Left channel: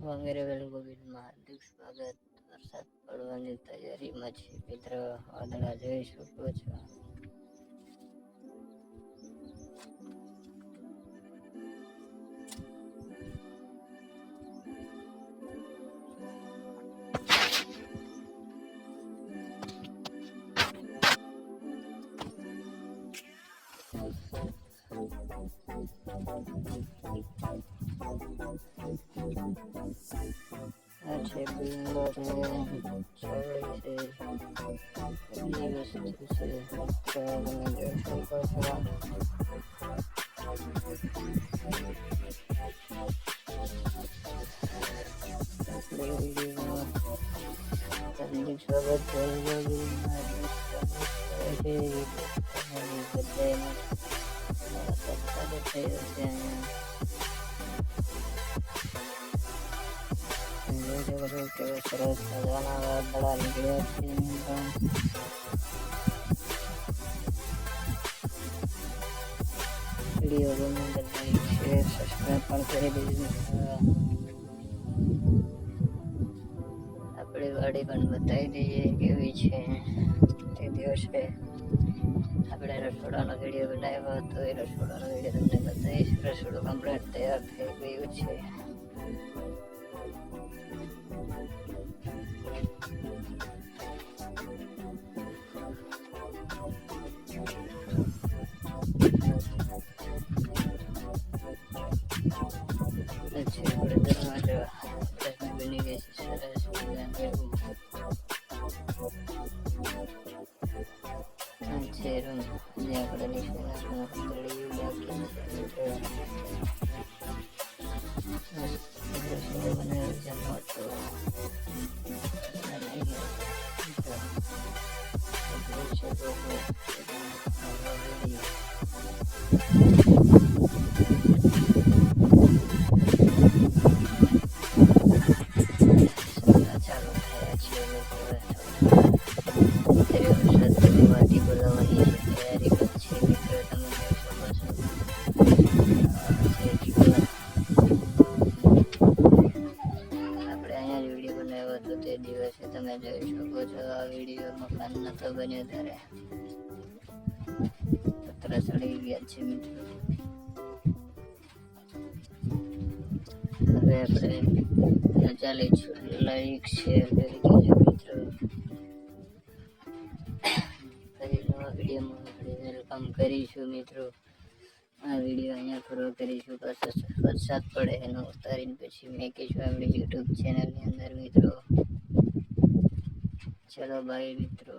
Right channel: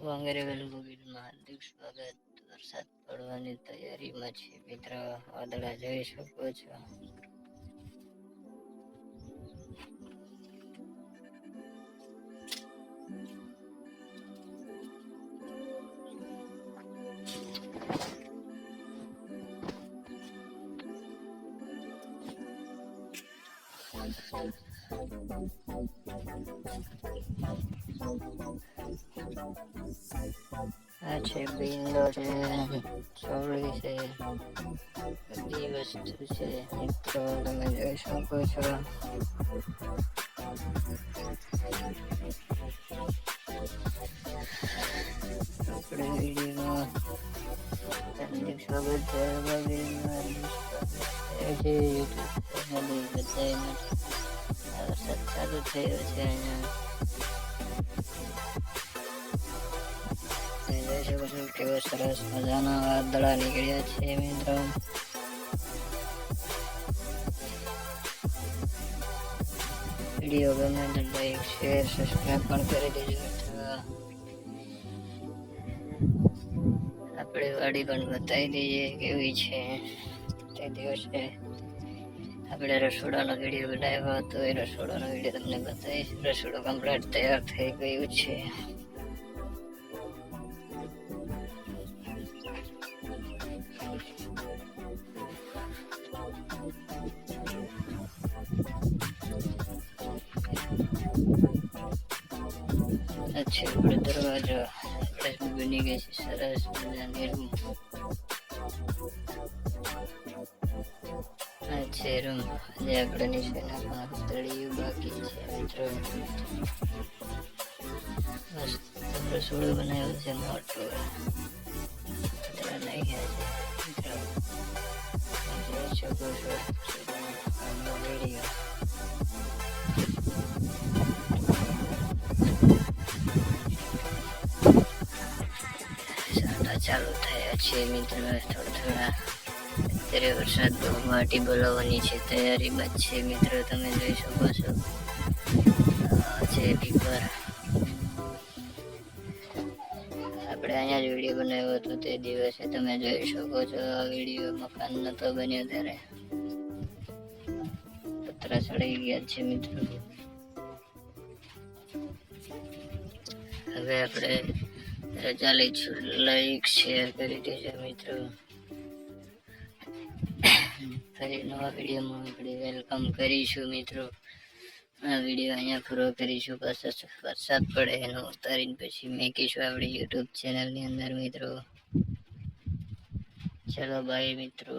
વગેરે વિડીયોમાં હાર્દિક સ્વાગત. વરસાદ પડવાની તૈયારીમાં છે મિત્ર. વાદળા જોઈ શકો છો. આ છે બિંદો છે, ચોળી છે, બધી વસ્તુ છે મિત્રો, તમે જોઈ શકો છો. આપણે વિડીયોમાં હાર્દિક સ્વાગત છે. વરસાદ ચાલુ થયો છે અહીંયા. જોઈ શકો છો કેવા સરસ મજાના વાદળા નીકળ્યા છે મિત્રો. વિડીયો ગમે તો લાઈક શેર સબસ્ક્રાઈબ પણ કરી દેજો મિત્રો. આપણી વાડી પણ બતાવી દઈએ કેવી છે. તે દિવસે આપણે રસોડાનો વિડીયો બનાવ્યો હતો, એ રસોડાનો વિડીયો તમને બતાવીશ. રસોડું કમ્પ્લીટ તૈયાર થઈ ગયું છે. છે આપણે દરવાજા બની ગઈ છે સરસ મજાની રૂમ. આ છે રૂમ. આજે આપણે નીચેના પણ તળિયું બાકી છે મિત્રો. મસ્ત રસોડું બનાવ્યું છે મોટું. વિડીયો ચાલુ થયા છે મિત્રો. થોડા વરસાદ વાટી બોલાવવાની છે, તૈયારીમાં છે મિત્રો. તમે જોઈ શકો છો છે દીપર. આપણે અહીંયા જ વિડીયો બનાવ્યો હતો તે દિવસે, તમે જોઈ શકો છો. આ વિડીયો મકાન નતો બન્યો ત્યારે પતરા ચડી ગયા છે મિત્રો. હવે આપણે રજા લઈશું. લાઈક શેર કરી દેજો મિત્રો. ફરી નવા વિડીયોમાં આપણે વેલકમ કરીશું મિત્રો. આ વિડીયો અહીંયા પૂરો કરીશું. પાછા વરસાદ પડે એનો ઉતારીને પછી મેકીશું આપણી યુટ્યુબ ચેનલની અંદર મિત્રો. ચલો બાય મિત્રો.